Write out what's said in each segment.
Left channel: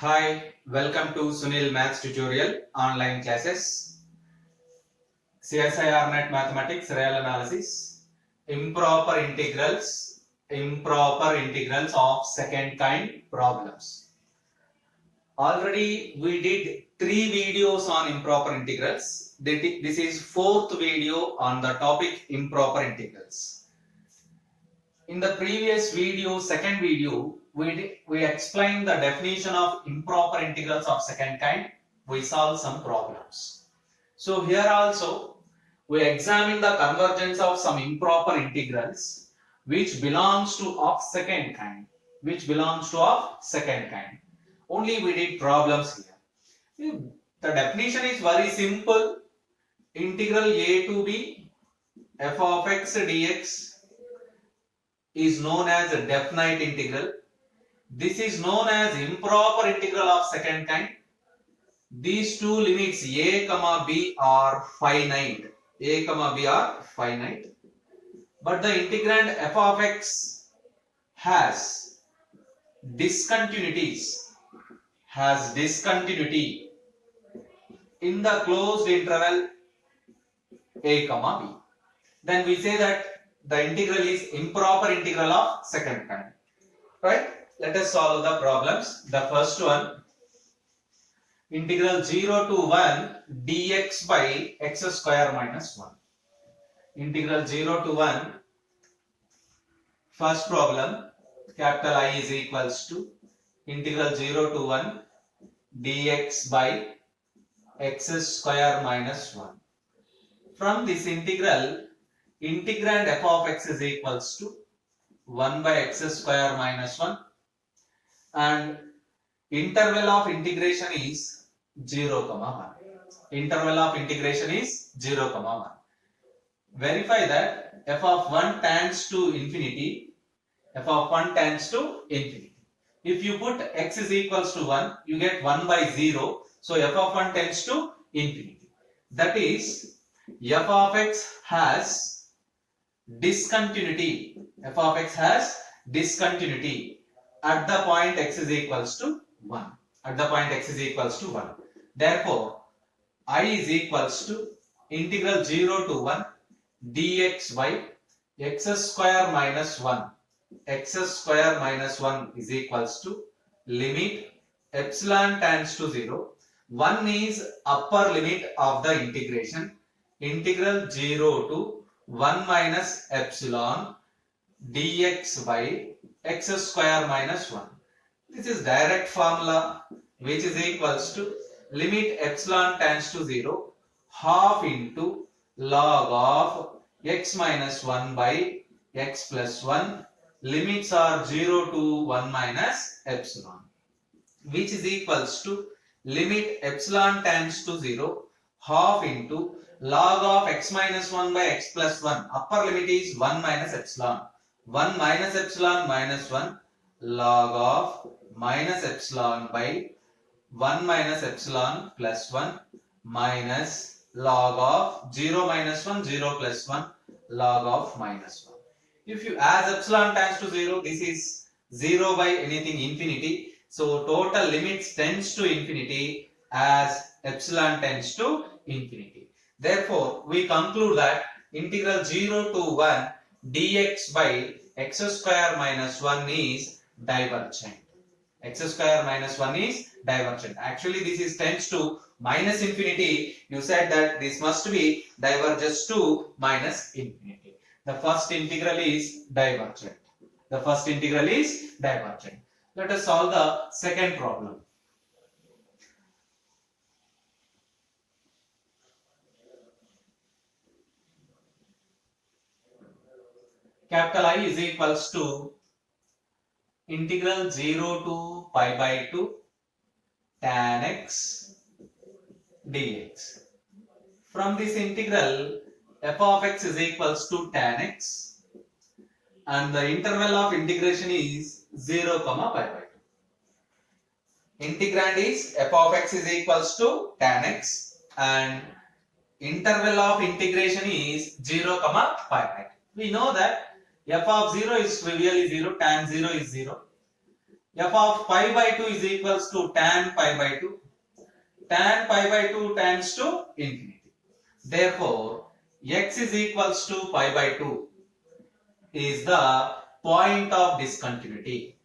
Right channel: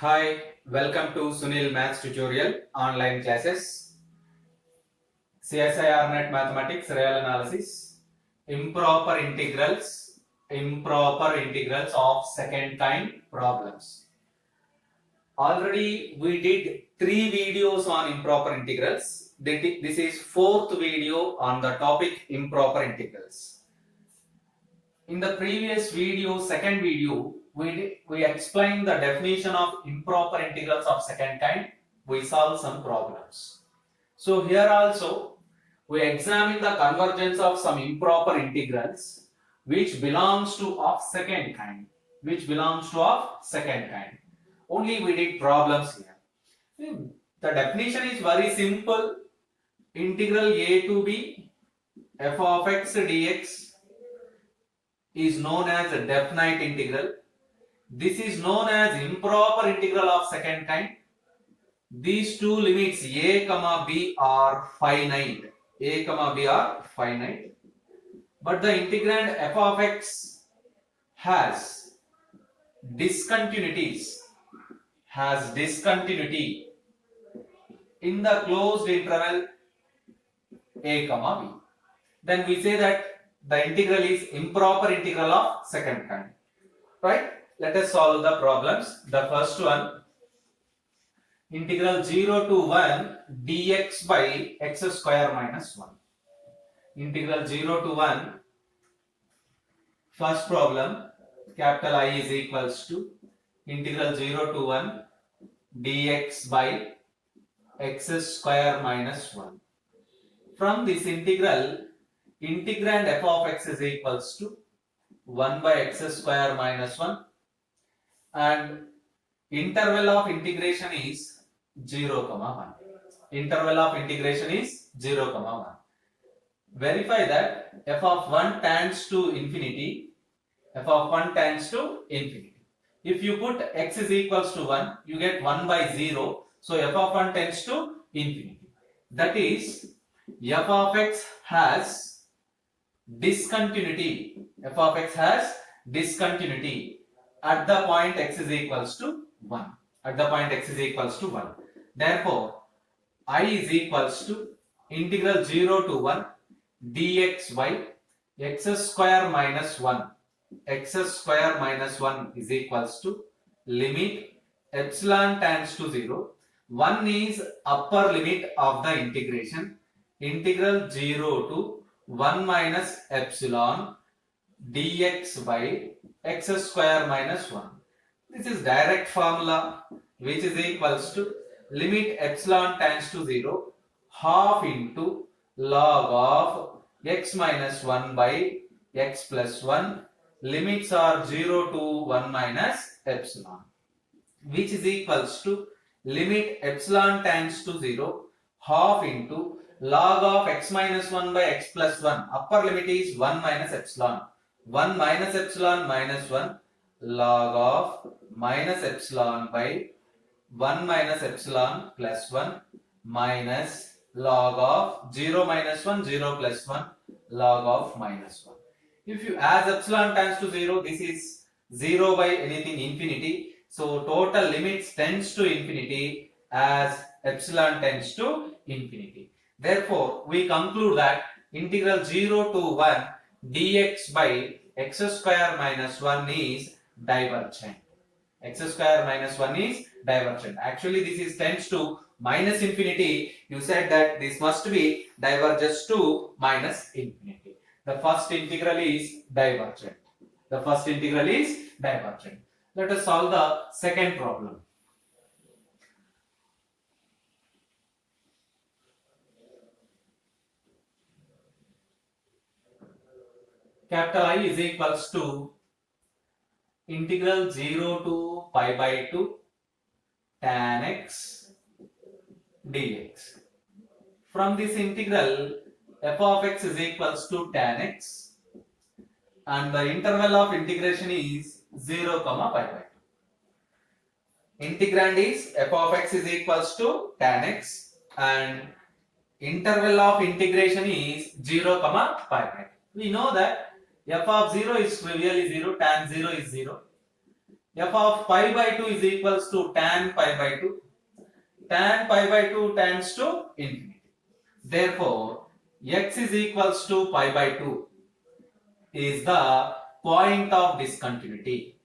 Hi, welcome to Sunil Maths Tutorial online classes. CSIR Net Mathematics Real Analysis. Improper integrals of second kind problems. Already we did 3 videos on improper integrals. This is 4th video on the topic improper integrals. In the previous video, second video, we explained the definition of improper integrals of second kind. We solved some problems. So here also we examine the convergence of some improper integrals which belongs to of second kind. Only we did problems here. The definition is very simple. Integral a to b f of x dx is known as a definite integral. This is known as improper integral of second kind. These two limits a comma b are finite. But the integrand f of x has discontinuity in the closed interval a comma b. Then we say that the integral is improper integral of second kind. Right? Let us solve the problems. The first one, integral 0 to 1 dx by x square minus 1. Integral 0 to 1, first problem, capital I is equals to integral 0 to 1 dx by x square minus 1. From this integral, integrand f of x is equals to 1 by x square minus 1 and interval of integration is 0 comma 1. Verify that f of 1 tends to infinity. If you put x is equals to 1, you get 1 by 0. So f of 1 tends to infinity. That is, f of x has discontinuity at the point x is equals to 1. Therefore, I is equals to integral 0 to 1 dx by x square minus 1 is equals to limit epsilon tends to 0. 1 is upper limit of the integration. Integral 0 to 1 minus epsilon dx by x square minus 1. This is direct formula which is equals to limit epsilon tends to 0 half into log of x minus 1 by x plus 1. Limits are 0 to 1 minus epsilon, which is equals to limit epsilon tends to 0 half into log of x minus 1 by x plus 1. Upper limit is 1 minus epsilon. 1 minus epsilon minus 1 log of minus epsilon by 1 minus epsilon plus 1 minus log of 0 minus 1 0 plus 1 log of minus 1. If you as epsilon tends to 0, this is 0 by anything infinity. So total limits tends to infinity as epsilon tends to infinity. Therefore, we conclude that integral 0 to 1 dx by x square minus 1 is divergent. Actually, this is tends to minus infinity. You said that this must be diverges to minus infinity. The first integral is divergent. Let us solve the second problem. Capital I is equals to integral 0 to pi by 2 tan x dx. From this integral, f of x is equals to tan x and the interval of integration is 0 comma pi by 2. Integrand is f of x is equals to tan x and interval of integration is 0 comma pi by 2. We know that f of 0 is trivially 0, tan 0 is 0. f of pi by 2 is equals to tan pi by 2. Tan pi by 2 tends to infinity. Therefore, x is equals to pi by 2 is the point of discontinuity.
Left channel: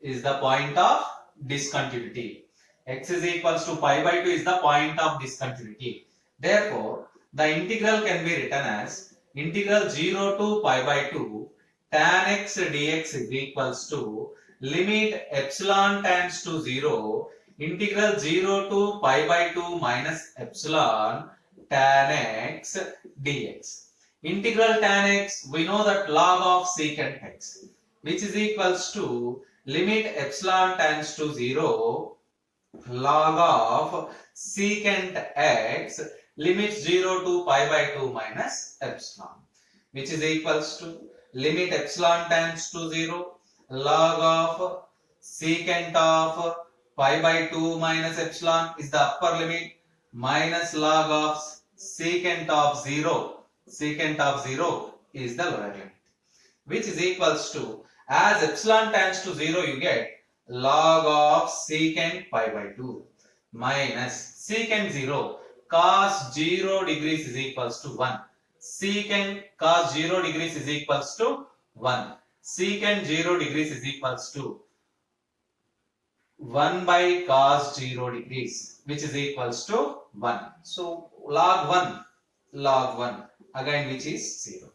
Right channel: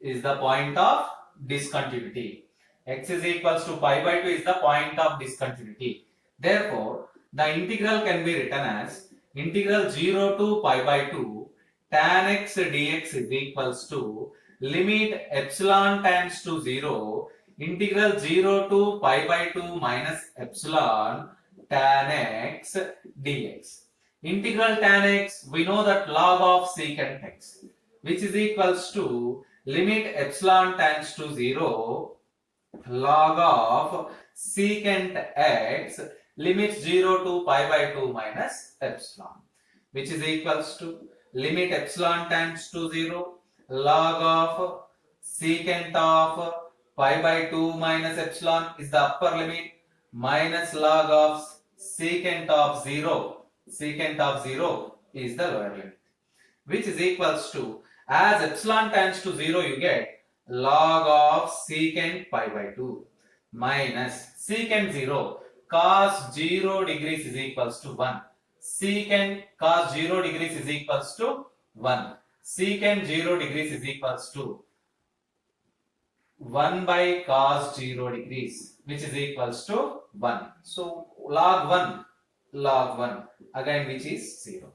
Is the point of discontinuity. X is equals to pi by 2 is the point of discontinuity. Therefore, the integral can be written as integral 0 to pi by 2 tan x dx is equals to limit epsilon tends to 0 integral 0 to pi by 2 minus epsilon tan x dx. Integral tan x, we know that log of secant x, which is equals to limit epsilon tends to 0 log of secant x limit 0 to pi by 2 minus epsilon, which is equals to limit epsilon tends to 0 log of secant of pi by 2 minus epsilon is the upper limit minus log of secant of 0. Secant of 0 is the lower limit, which is equals to, as epsilon tends to 0, you get log of secant pi by 2 minus secant 0 cos 0 degrees is equals to 1. Secant cos 0 degrees is equals to 1. Secant 0 degrees is equals to 1 by cos 0 degrees, which is equals to 1. So log 1 again, which is 0.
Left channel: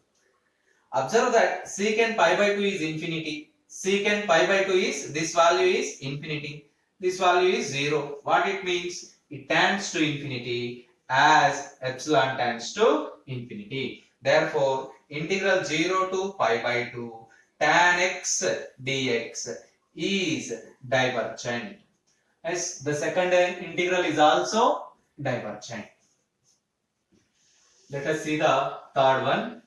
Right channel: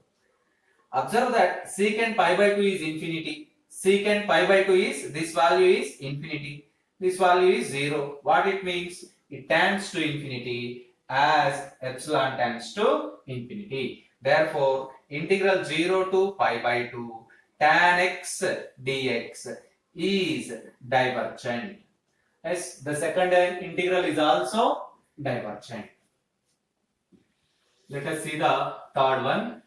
Observe that secant pi by 2 is infinity. Secant pi by 2 is, this value is infinity. This value is 0. What it means? It tends to infinity as epsilon tends to infinity. Therefore, integral 0 to pi by 2 tan x dx is divergent. As the second integral is also divergent. Let us see the third one.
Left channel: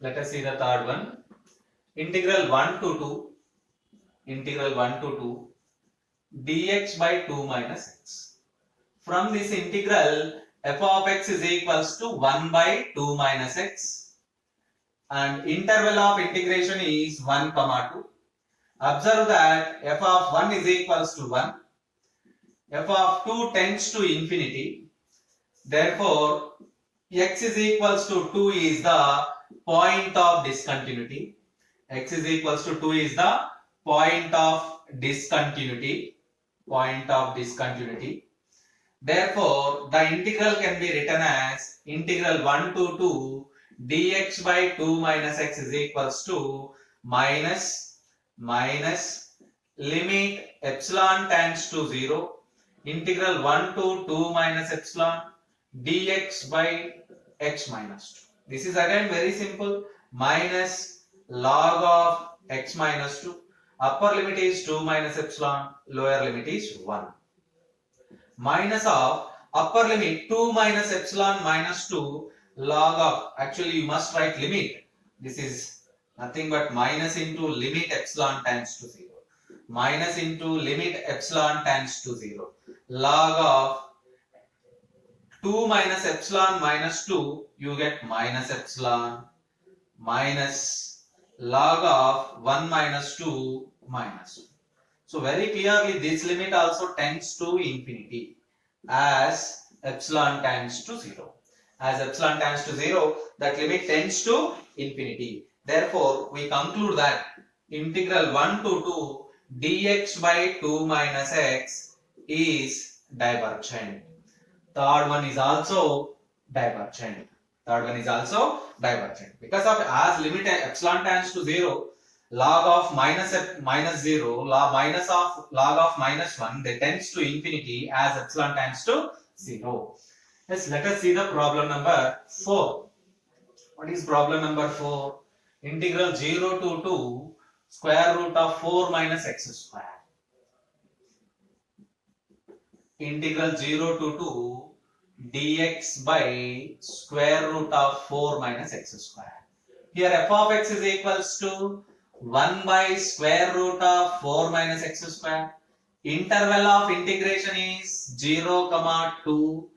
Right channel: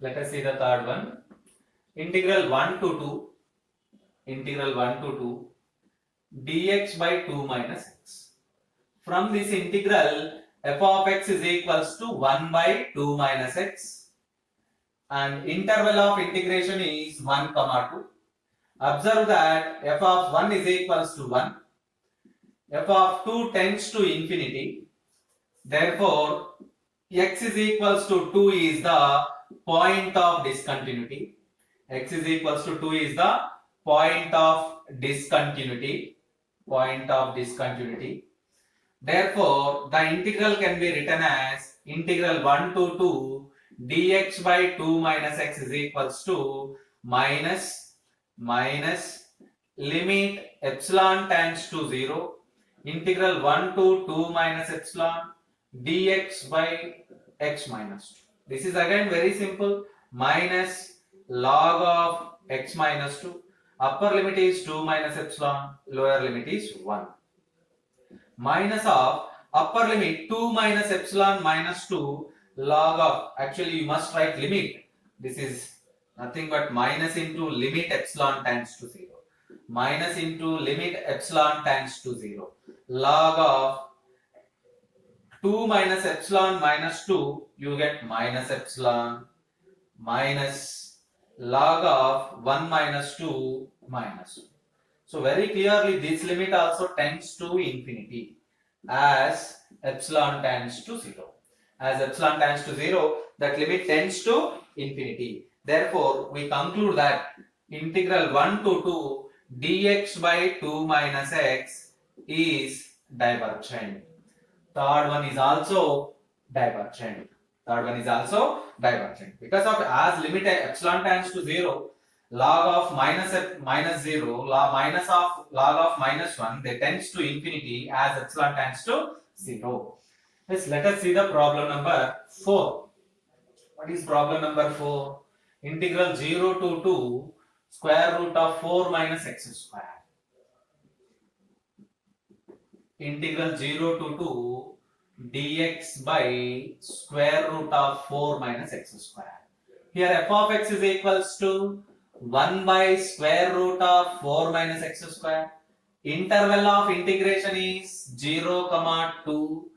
Let us see the third one. Integral 1 to 2 dx by 2 minus x. From this integral, f of x is equals to 1 by 2 minus x. And interval of integration is 1, 2. Observe that f of 1 is equals to 1. F of 2 tends to infinity. Therefore, x is equals to 2 is the point of discontinuity. X is equals to 2 is the point of discontinuity. Therefore, the integral can be written as integral 1 to 2 dx by 2 minus x is equals to minus limit epsilon tends to 0 integral 1 to 2 minus epsilon dx by x minus 2. This is again very simple. Minus log of x minus 2. Upper limit is 2 minus epsilon. Lower limit is 1. Minus of upper limit 2 minus epsilon minus 2 log of, actually you must write limit. This is nothing but minus into limit epsilon tends to 0. Minus into limit epsilon tends to 0. Log of 2 minus epsilon minus 2, you get minus epsilon minus log of 1 minus 2 minus 2. So very clearly this limit also tends to infinity as epsilon tends to 0. As epsilon tends to 0, that limit tends to infinity. Therefore, we conclude that integral 1 to 2 dx by 2 minus x is divergent. Third one is also divergent. Because of, as limit epsilon tends to 0, log of minus 0, log of minus 1, they tends to infinity as epsilon tends to 0. Yes, let us see the problem number 4. What is problem number 4? Integral 0 to 2 square root of 4 minus x square. Integral 0 to 2 dx by square root of 4 minus x square. Here f of x is equals to 1 by square root of 4 minus x square. Interval of integration is 0, 2.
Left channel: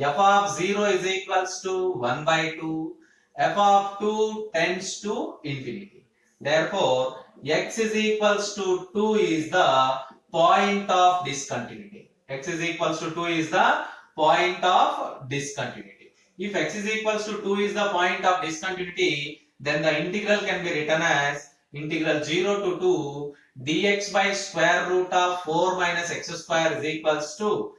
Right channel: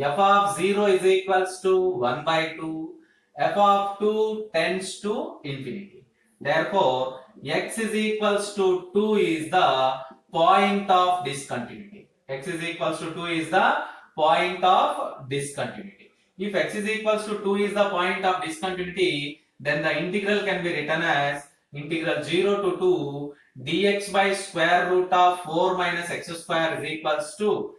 F of 0 is equals to 1 by 2. f of 2 tends to infinity. Therefore, x is equals to 2 is the point of discontinuity. X is equals to 2 is the point of discontinuity. If x is equals to 2 is the point of discontinuity, then the integral can be written as integral 0 to 2 dx by square root of 4 minus x square is equals to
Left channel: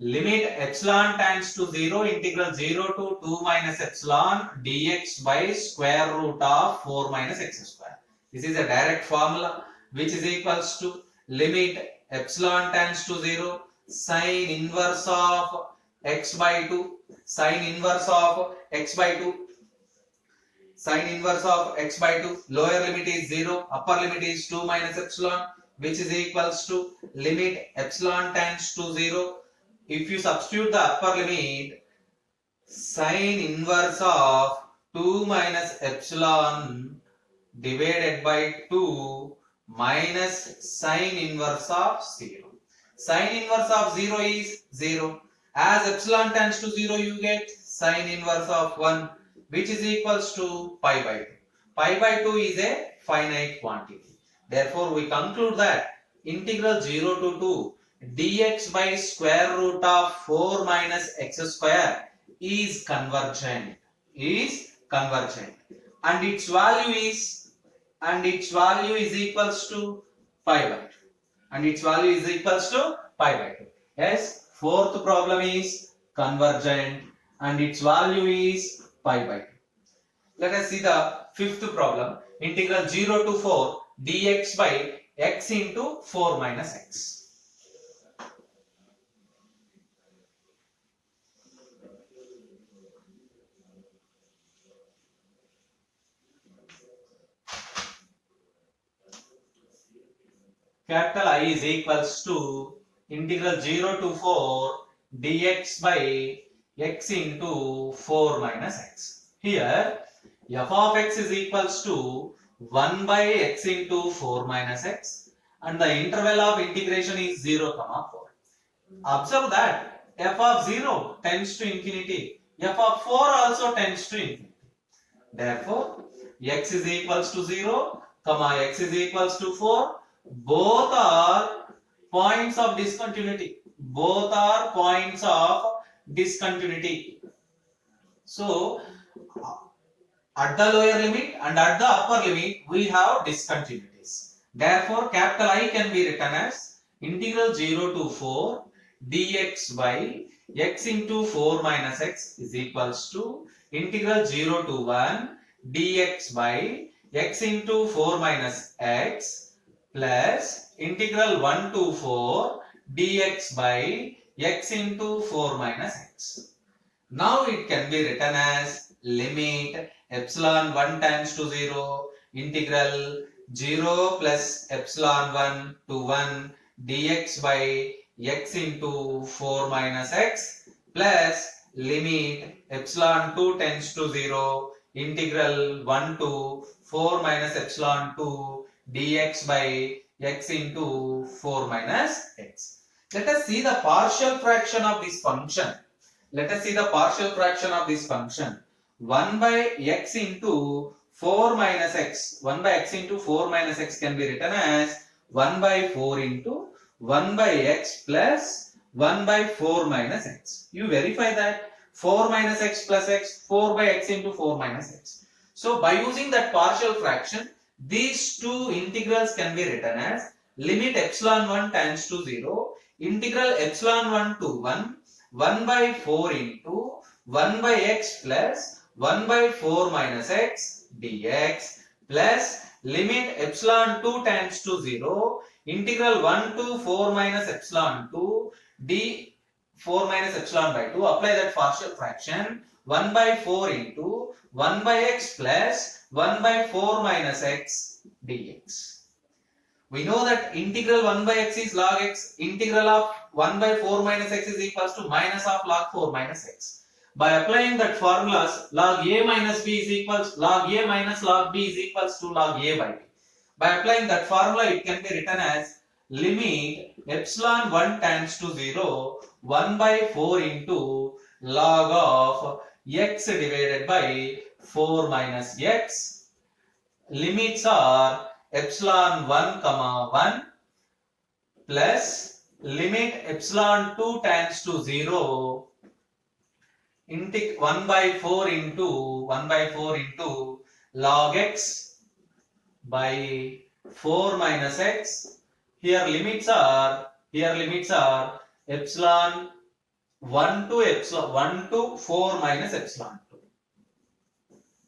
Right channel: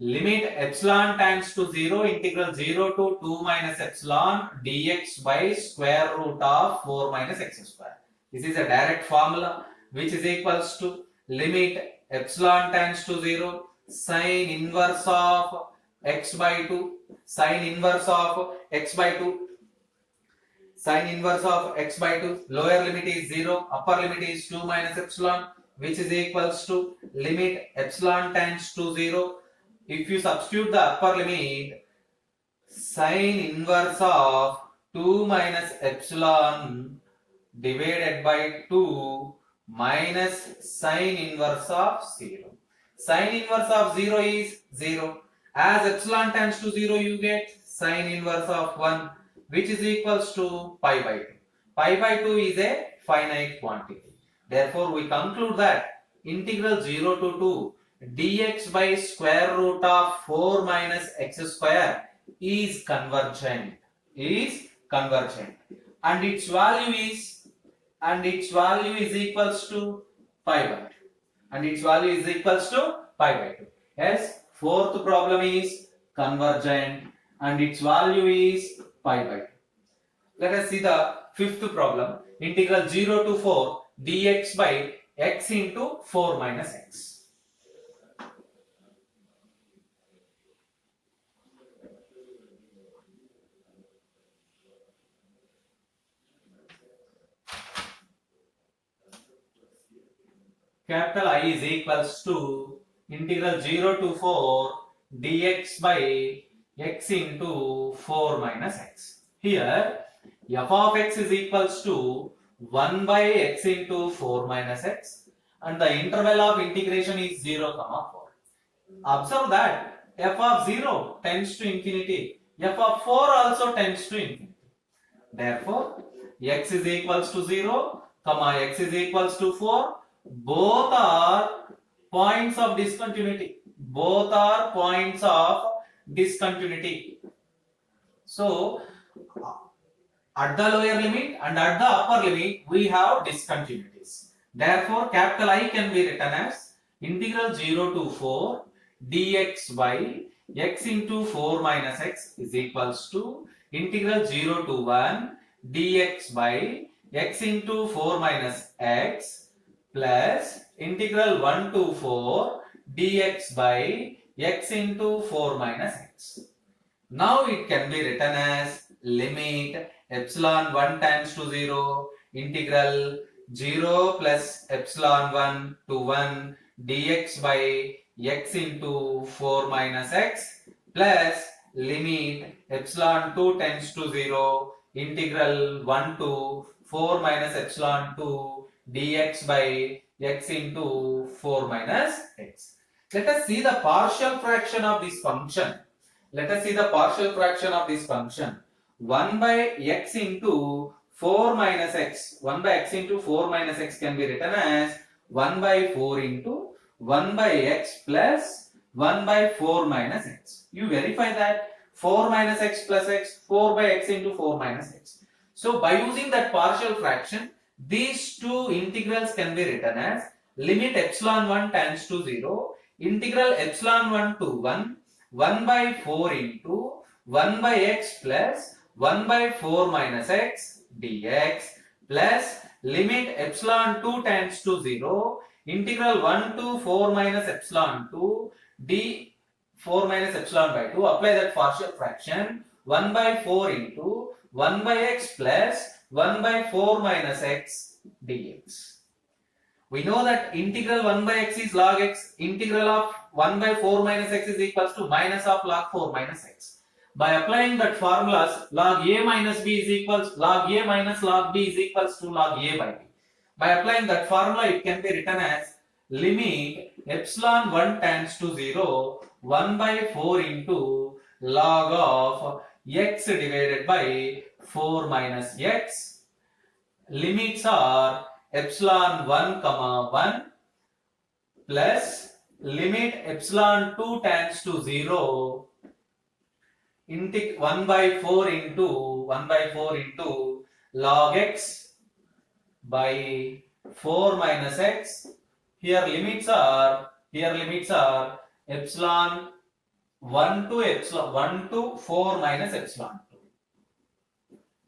limit epsilon tends to 0 integral 0 to 2 minus epsilon dx by square root of 4 minus x square. This is a direct formula which is equals to limit epsilon tends to 0 sine inverse of x by 2 sine inverse of x by 2 sine inverse of x by 2, lower limit is 0, upper limit is 2 minus epsilon, which is equals to limit epsilon tends to 0. If you substitute the upper limit, sine inverse of 2 minus epsilon divided by 2 minus sine inverse of 0. Sine inverse of 0 is 0. As epsilon tends to 0, you get sine inverse of 1, which is equals to pi by 2. Pi by 2 is a finite quantity. Therefore, we conclude that integral 0 to 2 dx by square root of 4 minus x square is convergent. And its value is equals to pi by 2. Yes, fourth problem is convergent and its value is pi by 2. Let us see the fifth problem. Integral 0 to 4 dx by x into 4 minus x. Capital I is equals to integral 0 to 4 dx by x into 4 minus x. Here, f of x is equals to 1 by x into 4 minus x and the interval of integration is 0, 4. Observe that f of 0 tends to infinity, f of 4 also tends to infinity. Therefore, x is equals to 0, x is equals to 4. Both are points of discontinuity. So, at the lower limit and at the upper limit, we have discontinuities. Therefore, capital I can be written as integral 0 to 4 dx by x into 4 minus x is equals to integral 0 to 1 dx by x into 4 minus x plus integral 1 to 4 dx by x into 4 minus x. Now it can be written as limit epsilon 1 tends to 0 integral 0 plus epsilon 1 to 1 dx by x into 4 minus x plus limit epsilon 2 tends to 0 integral 1 to 4 minus epsilon 2 dx by x into 4 minus x. Let us see the partial fraction of this function. 1 by x into 4 minus x. 1 by x into 4 minus x can be written as 1 by 4 into 1 by x plus 1 by 4 minus x. You verify that 4 minus x plus x, 4 by x into 4 minus x. So by using that partial fraction, these two integrals can be written as limit epsilon 1 tends to 0 integral epsilon 1 to 1 1 by 4 into 1 by x plus 1 by 4 minus x dx plus limit epsilon 2 tends to 0 integral 1 to 4 minus epsilon 2 d 4 minus epsilon by 2. Apply that partial fraction 1 by 4 into 1 by x plus 1 by 4 minus x dx. We know that integral 1 by x is log x. Integral of 1 by 4 minus x is equals to minus of log 4 minus x. By applying that formulas, log a minus b is equals log a minus log b is equals to log a by b. By applying that formula, it can be written as limit epsilon 1 tends to 0 1 by 4 into log of x divided by 4 minus x. Limits are epsilon 1 comma 1 plus limit epsilon 2 tends to 0 into 1 by 4 into log x by 4 minus x. Here limits are epsilon 1 to 4 minus epsilon 2.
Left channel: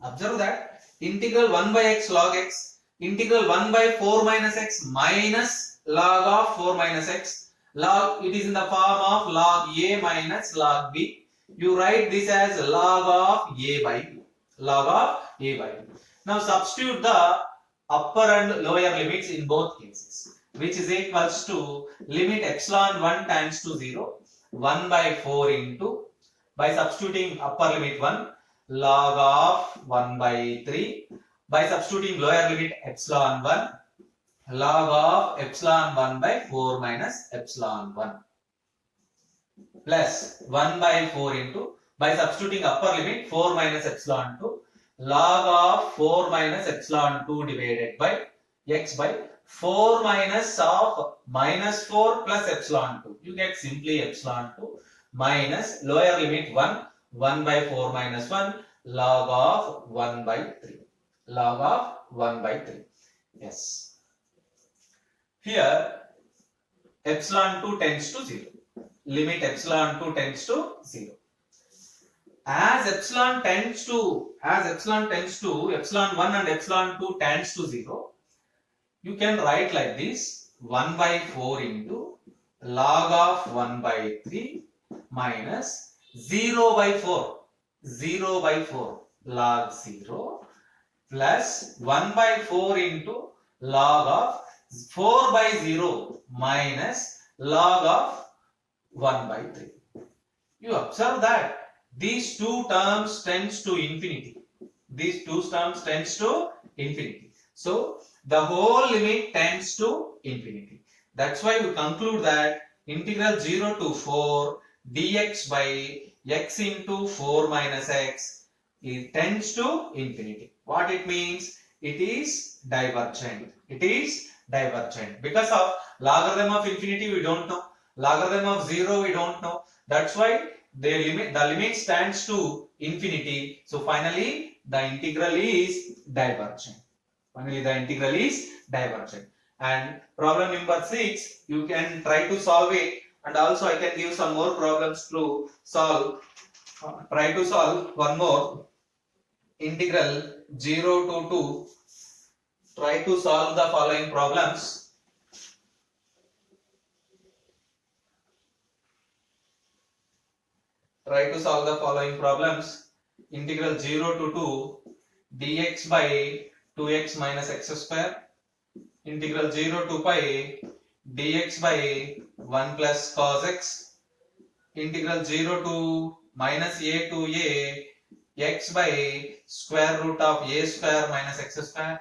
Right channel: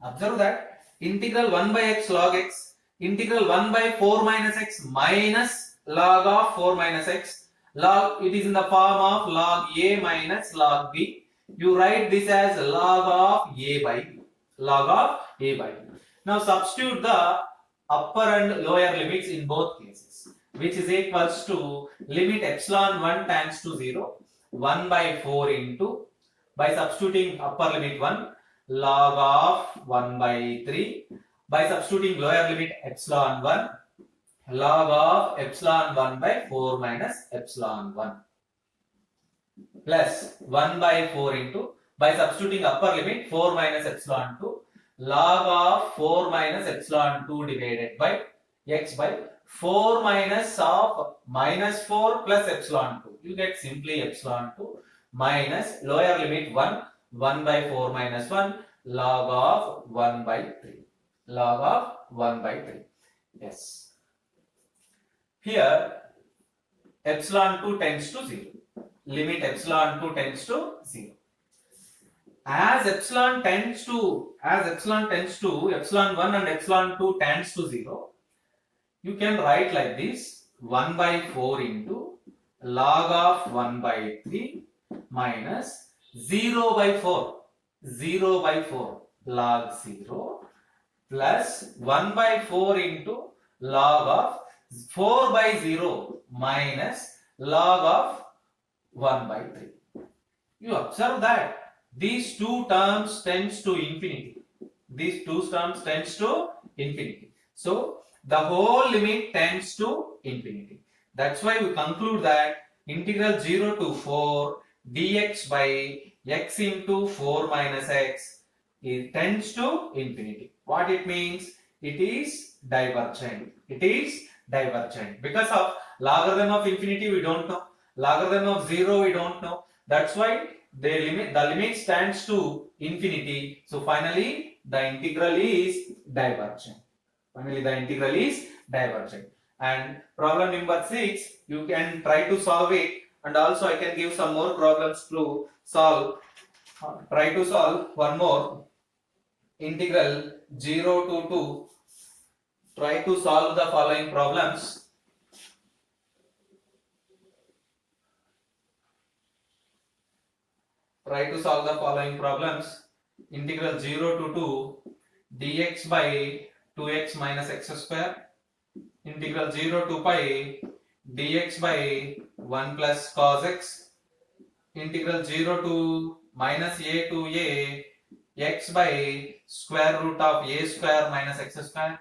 Observe that integral 1 by x log x, integral 1 by 4 minus x minus log of 4 minus x. Log, it is in the form of log a minus log b. You write this as log of a by b. Log of a by b. Now substitute the upper and lower limits in both cases, which is equals to limit epsilon 1 tends to 0, 1 by 4 into, by substituting upper limit 1, log of 1 by 3, by substituting lower limit epsilon 1, log of epsilon 1 by 4 minus epsilon 1, plus 1 by 4 into, by substituting upper limit 4 minus epsilon 2, log of 4 minus epsilon 2 divided by x by 4 minus of minus 4 plus epsilon 2. You get simply epsilon 2 minus lower limit 1, 1 by 4 minus 1, log of 1 by 3. Log of 1 by 3. Yes. Here epsilon 2 tends to 0. Limit epsilon 2 tends to 0. As epsilon 1 and epsilon 2 tends to 0, you can write like this: 1 by 4 into log of 1 by 3 minus 0 by 4 log 0 plus 1 by 4 into log of 4 by 0 minus log of 1 by 3. You observe that these two terms tends to infinity. So the whole limit tends to infinity. That's why we conclude that integral 0 to 4 dx by x into 4 minus x, it tends to infinity. What it means? It is divergent. Because of logarithm of infinity we don't know, logarithm of 0 we don't know. That's why the limit stands to infinity. So finally the integral is divergent. And problem number 6, you can try to solve it, and also I can give some more problems to solve. Try to solve one more. Integral 0 to 2. Try to solve the following problems. Integral 0 to 2 dx by 2x minus x square. Integral 0 to pi dx by 1 plus cos x. Integral 0 to minus a to a x by square root of a square minus x square.